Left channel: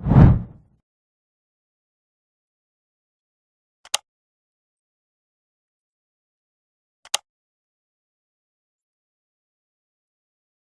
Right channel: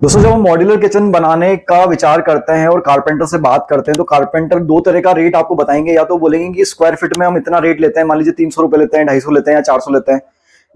दोस्तों, जब हम मॉड्यूलर किचन बनाने का विचार करते हैं और कारपेंटर से बात करते हैं तो कारपेंटर दो तरह का रेट आपको बताएंगे। या तो बोलेंगे कि स्क्वायर फीट में हम इतना रेट लेते हैं, मान लीजिए 300 रुपए लेते हैं, 250 लेते हैं या 400 लेते हैं।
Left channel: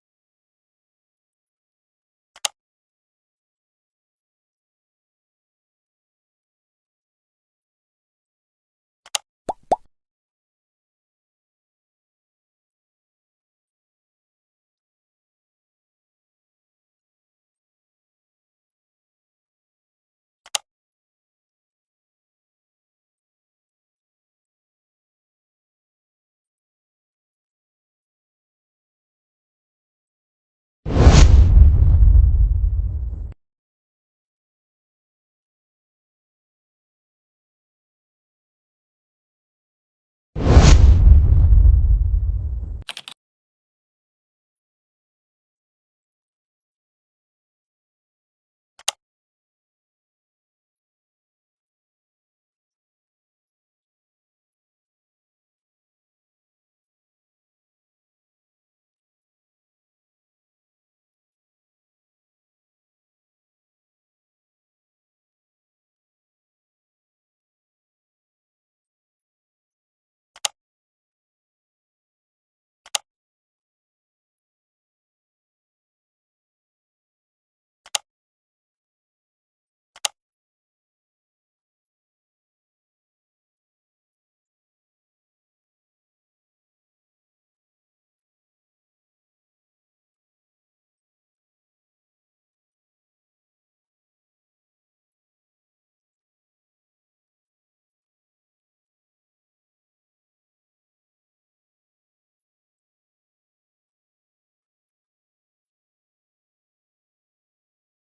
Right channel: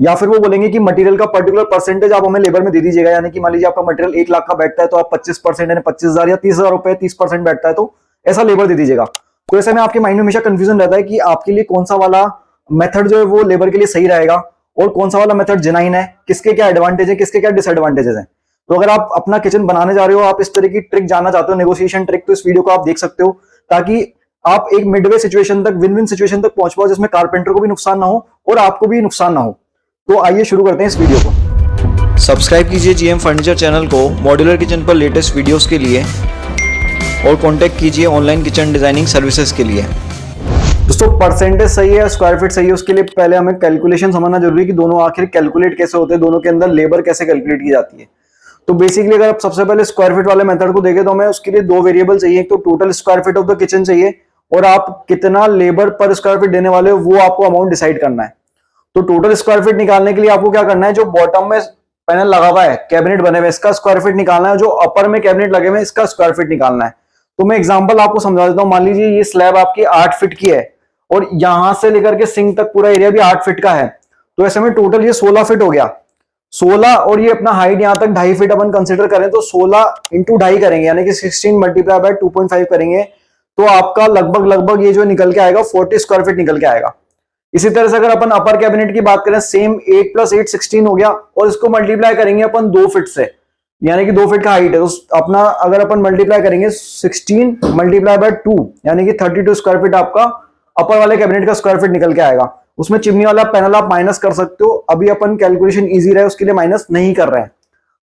या फिर वो बोलेंगे कि मटेरियल का पर्टिकुलर परसेंटेज आप हमें लेबर में दे दीजिएगा, यानी कि मान लीजिए आपका मटेरियल 1 लाख का बैठता है तो आप 25% यानी 25,000 या 30,000 रुपए 30% बैठता है तो ऐसा लेबर दे दीजिएगा। तो ऐसे में आपके माइंड में हमेशा कंफ्यूजन रहता है कि आपके लिए कौन सा वाला मेथड जो है वो लेबर के लिए सही रहेगा और कौन सा वाला मेथड जेन्युइन है, किसके क्या एडवांटेज है, किसके क्या डिसएडवांटेजेस हैं। तो अगर आप अपना किचन बनाने जा रहे हो, आप इस तरह की ट्रिक जानना चाहते हो, नेगोशिएशन ट्रिक, तो इस वीडियो को आप देख सकते हो ताकि आप एक मिडवे सिचुएशन तक, विन विन सिचुएशन तक पहुंच पाओ जिसमें कारपेंटर को भी नुकसान ना हो और आपको भी नुकसान ना हो। तो आइए शुरू करते हैं इस वीडियो को। सब्सक्राइब कीजिए जीएम फर्नीचर चैनल को मॉड्यूलर किचन पर लेटेस्ट वीडियोस के लिए और कांटेक्ट कीजिए ऑनलाइन किचन डिजाइनिंग सर्विसेज के लिए। दोस्तों, परसेंटेज सही है या स्क्वायर फीट सही है, उसके लिए पहले हमें कैलकुलेशन समझना जरूरी है कि दोनों आखिर कैलकुलेट कैसे होते हैं, दोनों के अंदर लेबर कैसे कैलकुलेट की जाती है। तो बेसिकली अगर आप सबसे पहले स्क्वायर फीट वाले मेथड को देखें तो हमें उसके लिए दो वेरिएबल चाहिए। एक तो total square feet of the kitchen चाहिए और आप कितना लेबर पर स्क्वायर फीट देने वाले हो वो आपको अमाउंट डिसाइड करना है। तो टोटल स्क्वायर फीट निकालने के लिए आपको क्या करना है, जो बॉटम में पैनल लगा हुआ है, कैबिनेट बने हुए, इसका स्क्वायर फीट निकालना है। जो अपर में कैबिनेट लगे हुए हैं इसका स्क्वायर फीट निकालना है। तो मैं एग्जांपल आपको समझा देता हूं। मान लीजिए ये स्लैब आपकी 8 फीट की है और यहां से लेकर के सिंक तक पूरा एरिया भी 8 फीट का है। तो ऐसे में टोटल ये 16 फीट हो गया। 16 और ये अपना हाइट यहां तक 2.5 फीट अपन कंसिडर करें तो 16 इंटू 2.5 करेंगे, यानी कि 16 मल्टीप्लाई बाय 2.5 करेंगे तो आपका लगभग लगभग ये जो निकल के आएगा 40 स्क्वायर फीट निकल के आएगा। इसी तरह से अगर अपन अपर कैबिनेट की बात करें, सेम 8 + 8 16 हो गया और इसको मल्टीप्लाई करेंगे अपन 2 फीट से, यानी कि 2 फीट का हाइट है। तो अपना अगर अपन मल्टीप्लाई करेंगे 16 मल्टीप्लाई बाय 2 यानी कि 32 स्क्वायर फीट आपका अपर वाले कैबिनेट का स्क्वायर फीट निकल के आएगा। उसमें चिमनी वाला पैनल आप माइनस कर सकते हो, अभी अपन कैलकुलेशन इजी रहे उसके लिए माइनस नहीं कर रहे हैं।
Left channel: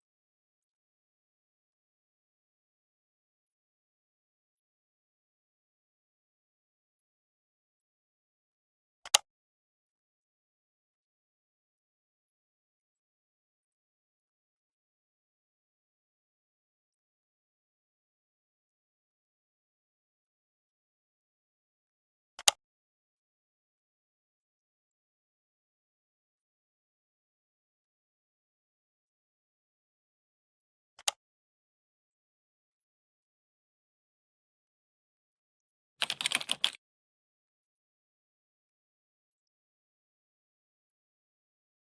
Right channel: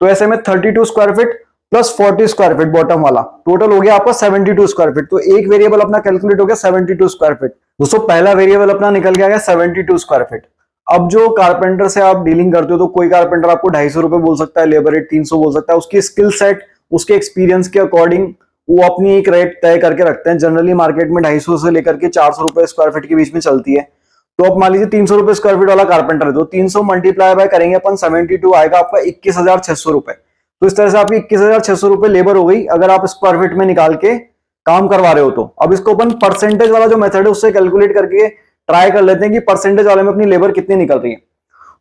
तो ऐसे में 32 square feet plus 40 square feet bottom वाला टोटल हो गया आपका 72 स्क्वायर फीट। तो एक वेरिएबल अपना कैलकुलेट हो गया 72 स्क्वायर फीट। दोस्तों, पहला वेरिएबल अपना निकल गया 72 स्क्वायर फीट। अब जो कारपेंटर से आप डीलिंग करते हो तो कोई कारपेंटर आपको 250 रुपए बोल सकता है, लेबर रेट 300 बोल सकता है। उसकी स्किल सेट, उसके एक्सपीरियंस के अकॉर्डिंग वो अपनी एक रेट तय करके रखते हैं। जनरली मार्केट में 250 से लेकर के 400 रुपए स्क्वायर फीट के बीच में चलती है। तो अब मान लीजिए 300 रुपए स्क्वायर फीट वाला कारपेंटर है तो 300 मल्टीप्लाई बाय करेंगे अपन 72 आएगा आपका 21,600 रुपए। तो इस तरह से आपकी 21,600 रुपए लेबर हो गई अगर आप स्क्वायर फीट में निकाल के काम करवा रहे हो। तो अब इसको अपन परसेंटेज वाला जो मेथड है उससे कैलकुलेट करके ट्राई कर लेते हैं कि परसेंटेज वाले में अपनी लेबर कितनी निकल रही है।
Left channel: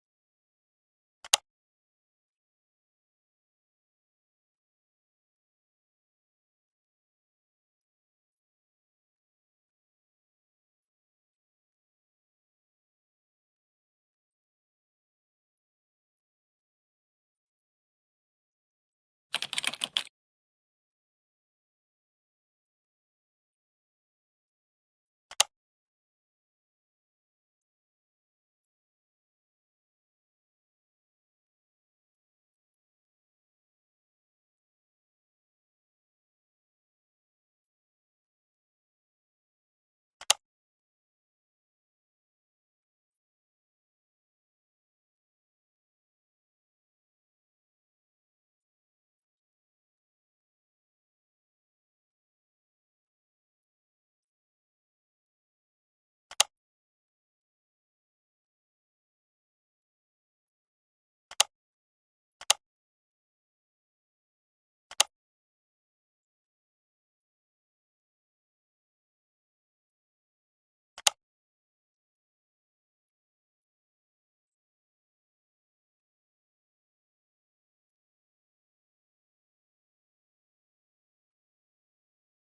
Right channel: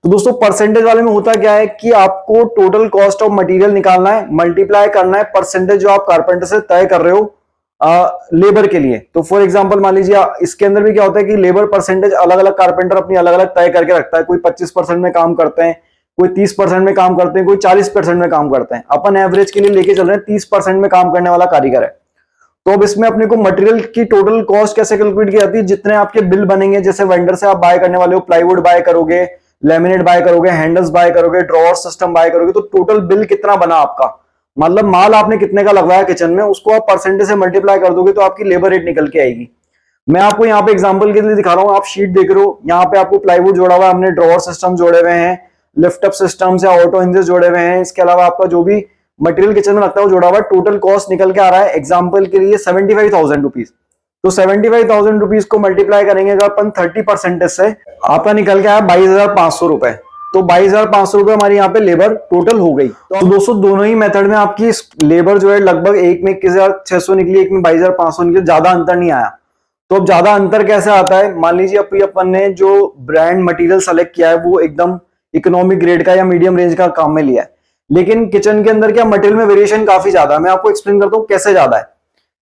तो दोस्तों, परसेंटेज वाले में होता क्या है कि आपको टोटल कॉस्ट ऑफ मटेरियल निकालना है, मल्टीप्लाई करना है परसेंटेज जो आप कारपेंटर से तय कर रहे हो लेबर के लिए। तो फॉर एग्जांपल मान लीजिए इसके अंदर भी क्या होता है कि लेबर परसेंटेज अलग अलग कारपेंटर अपनी अलग अलग तय करके रखता है। कोई 25% में काम करते हैं, कोई 30% में काम करते हैं, कोई 40% में काम करते हैं। अपन एवरेज के लिए लेके चल रहे हैं 30% में काम करने वाला कारीगर है। तो अब इसमें अपने को मटेरियल की टोटल कॉस्ट कैसे कैलकुलेट की जाती है, जितने आपके बिल बनेंगे, जैसे वेंडर से आप बाय करने वाले हो, प्लाईवुड बाय करोगे, लेमिनेट बाय करोगे, हैंडल्स बाय करोगे, ड्रॉअर सिस्टम बाय करोगे, तो टोटल बिल कितना बना आपका, मतलब माल आपने कितने का लगवाया किचन में, उसको आप परसेंटेज से मल्टीप्लाई कर दोगे तो आपकी लेबर रेट निकल के आएगी। मैं आपको यहाँ पे एग्जांपल के लिए दिखा रहा हूँ, आप शीट देख रहे हो, यहाँ पे आपको प्लाईवुड जोड़ा हुआ है, हमने ड्रॉअर सिस्टम जोड़े हुए हैं, लिफ्ट अप सिस्टम्स या ऑटो हिंजेस जोड़े हुए हैं। इसके अलावा आपका जो भी मटेरियल किचन में लगता है वो जोड़ा हुआ है। टोटल कॉस्ट निकल के आ रहा है एग्जांपल के लिए 75,000 रुपीज। तो 75,000 रुपीज को मल्टीप्लाई करेंगे अगर अपन 30% से, आपका निकल के आया 22,500 रुपए। तो 22,500 रुपए हमारी यहाँ पे लेबर टोटल हो गई। तो दोस्तों, दोनों ही मेथड में आपकी लेबर जो है लगभग एक में 21,600 निकली, एक में 22,500 निकली, ज्यादा अंतर नहीं आया। तो अब ज्यादा अंतर कैसे आता है, मान लीजिए अपन ने जो ब्रांड मटेरियल सेलेक्ट किया है वो एकदम इकोनॉमिक ग्रेड का या मीडियम रेंज का काम में लिया है, लेकिन किचन के अंदर क्या मटेरियल में वेरिएशन काफी ज्यादा है। मैं आपको एक्सप्लेन करता हूँ कैसे ज्यादा है।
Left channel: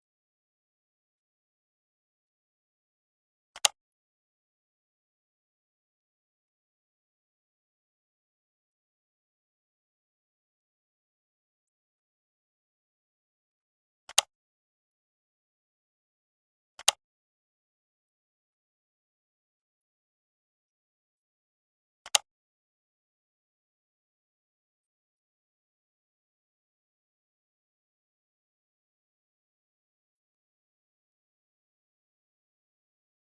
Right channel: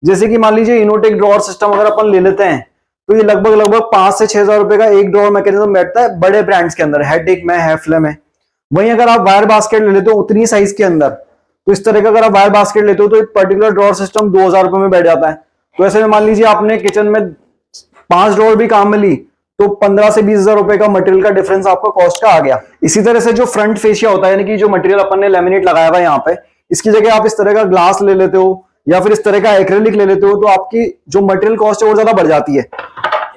जैसे कि मान लीजिए इनोटेक ड्रॉअर सिस्टम अगर अपन ले लेते हैं तो ये लगभग लगभग 5 से 6 हजार रुपए का एक ड्रॉअर मैकेनिज्म बैठता है बड़े ब्रांड्स के अंदर, हेडेक में, हैफले में। वहीं अगर आप वायर बास्केट ले लेते हो उतनी साइज के अंदर, तो इस तरह का अगर आप वायर बास्केट लेते हो तो एक पर्टिकुलर ड्रॉअर सिस्टम 2,000 रुपए में बैठ जाता है। तो ऐसे में मान लीजिए आपने किचन में 5 ड्रॉअर भी काम में ली तो 15 से 20,000 रुपए का मटेरियल का डिफरेंस आपका कॉस्ट का आ गया। इसी तरह से जो फ्रंट फेसिया होता है, यानी कि जो मटेरियल अपन ने लेमिनेट लगाया हुआ है यहाँ पे, इसकी जगह आप इस तरह का ग्लास ले लेते हो या फिर इस तरह का एक्रेलिक ले लेते हो तो आपकी जो मटेरियल कॉस्ट है वो ज्यादा बढ़ जाती है।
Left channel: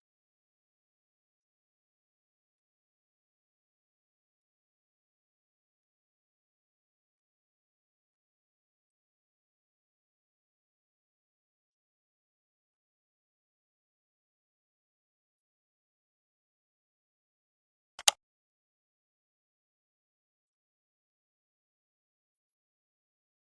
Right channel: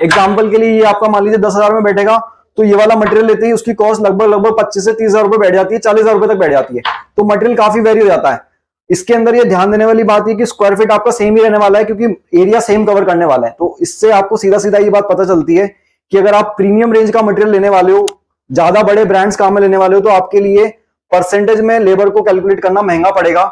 एग्जाम्पल के लिए ये आपका मान लीजिए 10,000 में बैठेगा तो ये वाला मटेरियल लेते ही उसकी कॉस्ट लगभग लगभग 25 से 30,000 रुपए बैठ जाती है, 40,000 रुपए तक बैठ जाती है। तो मटेरियल काफी वेरी हो जाता है। इसके अंदर ये ध्यान देने वाली बात है कि स्क्वायर फीट आपका सेम ही रहने वाला है क्योंकि एरिया सेम कवर करने वाला है। तो इससे आपको सीधा सीधा ये बात पता चलती है कि अगर आप प्रीमियम रेंज का मटेरियल लेने वाले हो, ज्यादा बड़े ब्रांड्स काम में लेने वाले हो, तो आपके लिए परसेंटेज में लेबर को कैलकुलेट करना महंगा पड़ेगा,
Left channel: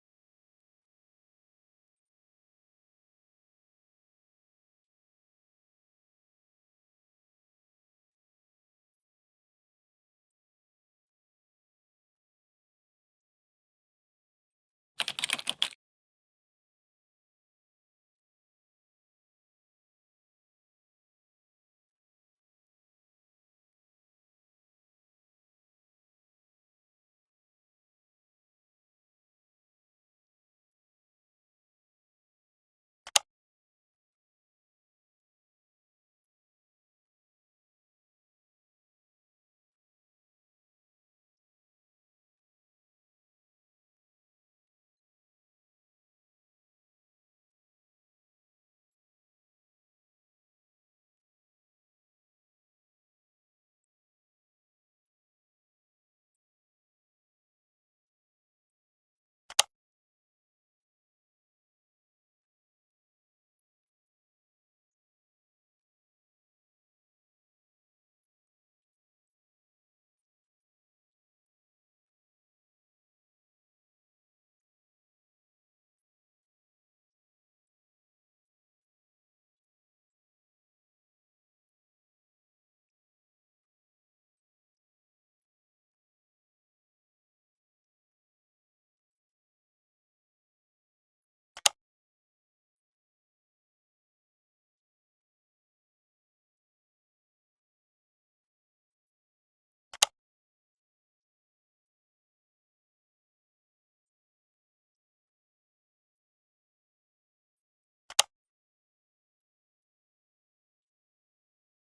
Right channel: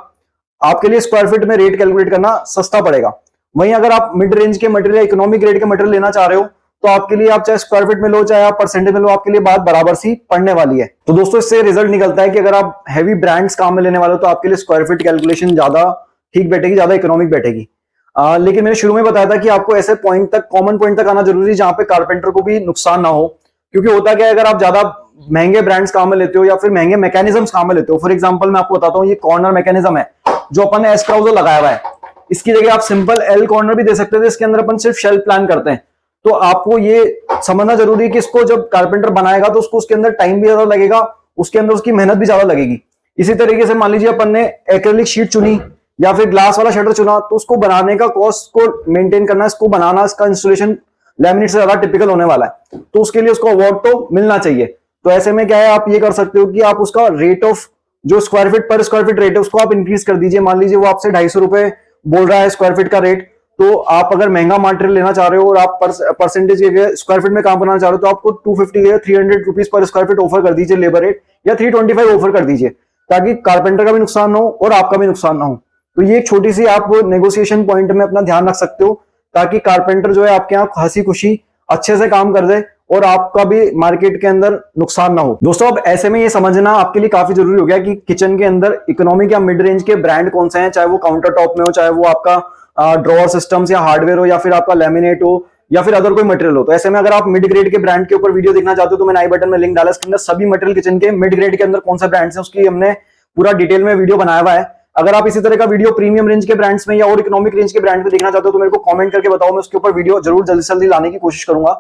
आपके लिए स्क्वायर फीट में रेट कैलकुलेट करना सस्ता पड़ेगा। वहीं अगर आप मिड रेंज के मटेरियल या इकोनॉमिक ग्रेड के मटेरियल लेना चाह रहे हो तो आपके लिए, आप चाहे स्क्वायर फीट में लो चाहे आप परसेंटेज में लो, आपके लिए बात बराबर सी पड़ने वाली है। तो दोस्तों इससे रिजल्ट निकलता है कि अगर आप हैवी ब्रांड्स काम में लेने वाले हो तो आपके लिए स्क्वायर फीट कैलकुलेशन ज्यादा ठीक बैठेगी, ज्यादा इकोनॉमिक बैठेगी। लेकिन मैंने शुरू में बताया था कि आपको ऐसे पॉइंट तक, कॉमन पॉइंट तक आना जरूरी है जहां पे कारपेंटर को भी नुकसान ना हो। क्योंकि होता क्या है, अगर आप ज्यादा महंगे ब्रांड्स काम में लेते हो या फिर महंगे मैकेनिज्म्स काम में लेते हो, फॉर एग्जांपल मैं आपको बताता हूँ, ये कॉर्नर मैकेनिज्म है जो अपन ने एस क्राउजर लगाया हुआ है, इसकी जगह आप सिंपल एल कॉर्नर भी दे सकते थे, इसके अंदर अपन सिर्फ शेल्फ प्लान करते हैं। तो आपको ये समझना जरूरी है कि इसको जब कारपेंटर बनाएगा तो उसको उसके अंदर टाइम भी ज्यादा लगेगा, उसके अंदर उसकी मेहनत भी ज्यादा लगेगी। इसी तरीके से मान लीजिए अपन ने एक्रेलिक शीट चुनी या फिर ग्लास वाला शटर चुना, तो उसको बनाने का कॉस्ट को मेंटेन करना, इसको बनाना, इसका इंस्टॉलेशन लैमिनेट से ज्यादा टिपिकल होने वाला है, तो उसके लिए उसको अवार्ड तो मिलना चाहिए। तो ऐसे में क्या है, आप ये कर सकते हो कि आप उसका रेट ऑफ, जो स्क्वायर फीट पर स्क्वायर फीट रेट है, उसको आप इंक्रीज कर दीजिए। मान लीजिए वो आपसे 250 रुपए बोल रहा है स्क्वायर फीट का रेट, तो आप अगर महंगा मटेरियल लेना चाह रहे हो और आप परसेंटेज के स्क्वायर फीट में काम करना चाह रहे हो तो आपको 250 या 300 rupees per square feet offer कर दीजिए लेबर रेट, या 325 ऑफर कर दीजिए, ताकि कारपेंटर का भी नुकसान ना हो और आपका भी नुकसान ना हो। तो ये एक छोटी सी आप नेगोशिएशन पॉइंट में अपना ध्यान रख सकते हो, ताकि कारपेंटर जो है आपके यहाँ हंसी खुशी अच्छे से काम कर दे और आपका भी मार्केट के अंदर नुकसान ना हो। दोस्तों अब ऐसे में ये समझना आपके लिए काफी जरूरी हो गया कि किचन के अंदर इकोनॉमिक या मिड रेंज के ब्रांड कौन से हैं, चाहे वो काउंटर टॉप में हो, चाहे वो आपका ड्रॉअर सिस्टम्स या हार्डवेयर हो, या फिर आपका लैमिनेट हो, या फिर अदर कोई मटेरियल हो। तो ऐसे में अगर आप मिड ग्रेड के ब्रांड के ऊपर वीडियो देखना चाहते हो तो मैंने आई बटन में लिंक डाला, इसके अंदर सभी मटेरियल किचन के मिड ग्रेड के अंदर कौन सा ब्रांड्स है उसकी हमने पूरा डिटेल में वीडियो बनाया हुआ है। अगर आप इसी तरह का वीडियो प्रीमियम रेंज के ब्रांड्स में या और इकोनॉमिक रेंज के ब्रांड में देखना चाहते हो तो मेरे को कमेंट करके बताओ, मैं उसके ऊपर वीडियो जरूर जल्दी से जल्दी लाने की कोशिश करूंगा।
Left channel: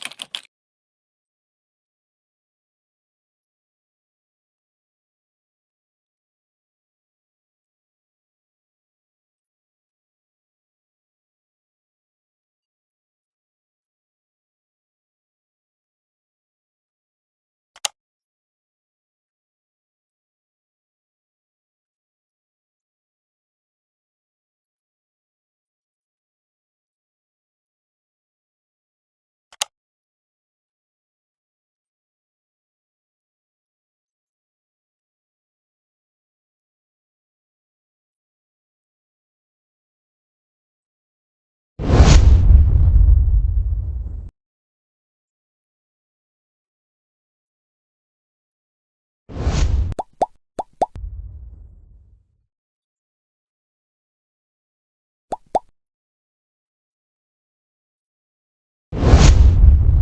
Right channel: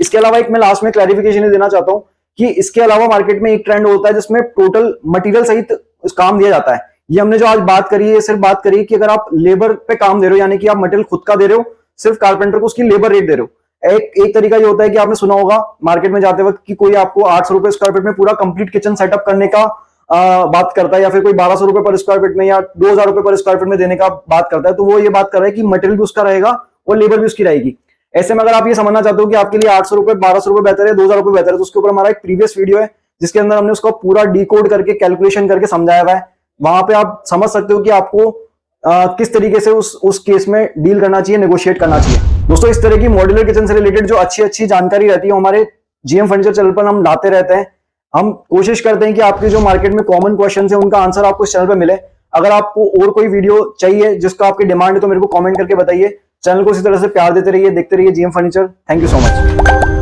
इसके अलावा एक मैं लास्ट में क्लैरिफिकेशन देना चाहता हूं कि इसके अलावा मार्केट में एक ट्रेंड होता है जिसमें टोटल मटेरियल सहित काम दिया जाता है। ये हमने जो आज बात करी है, सिर्फ बात करी कि अगर आप लेबर पे काम दे रहे हो, यानी कि आप मटेरियल खुद का दे रहे हो, सिर्फ कारपेंटर को उसकी लेबर रेट दे रहे हो। एक तरीका ये होता है कि आपने सुना होगा मार्केट में जाते वक्त कि कोई आपको 800 रुपए स्क्वायर फीट में पूरा कंप्लीट किचन सेटअप करने का बात करता है, या फिर कोई 1200 रुपए पर स्क्वायर फीट में या 2000 रुपए पर स्क्वायर फीट में देने का बात करता है। तो वो ये बात कर रहा है कि मटेरियल भी उसका रहेगा और लेबर भी उसकी रहेगी। ऐसे में अगर आप ये समझना चाहते हो कि आपके लिए 800 रुपए 1200 रुपए बेहतर है, 2000 रुपए बेहतर है, तो उसके ऊपर हमारा एक प्रीवियस वीडियो है जिसके अंदर हमने उसको पूरा डिकोड करके कैलकुलेशन करके समझाया हुआ है। वहां पे आप समझ सकते हो कि आपको किस तरीके से उस केस में डील करना चाहिए, नेगोशिएट करना चाहिए। दोस्तों इस तरह की मॉड्यूलर किचन से रिलेटेड जो अच्छी अच्छी जानकारी रहती है हमारे जीएम फर्नीचर चैनल पर हम लाते रहते हैं। हम कोशिश करते हैं कि आपके जो मार्केट में कॉमन क्वेश्चन है उनका आंसर आपको इस चैनल पर मिले। अगर आपको और कोई वीडियो चाहिए जिसका आपकी डिमांड है तो मेरे को कमेंट करके बताइए। चैनल को इसी तरह से प्यार देते रहिए, देखते रहिए GM furniture. Thank you so much.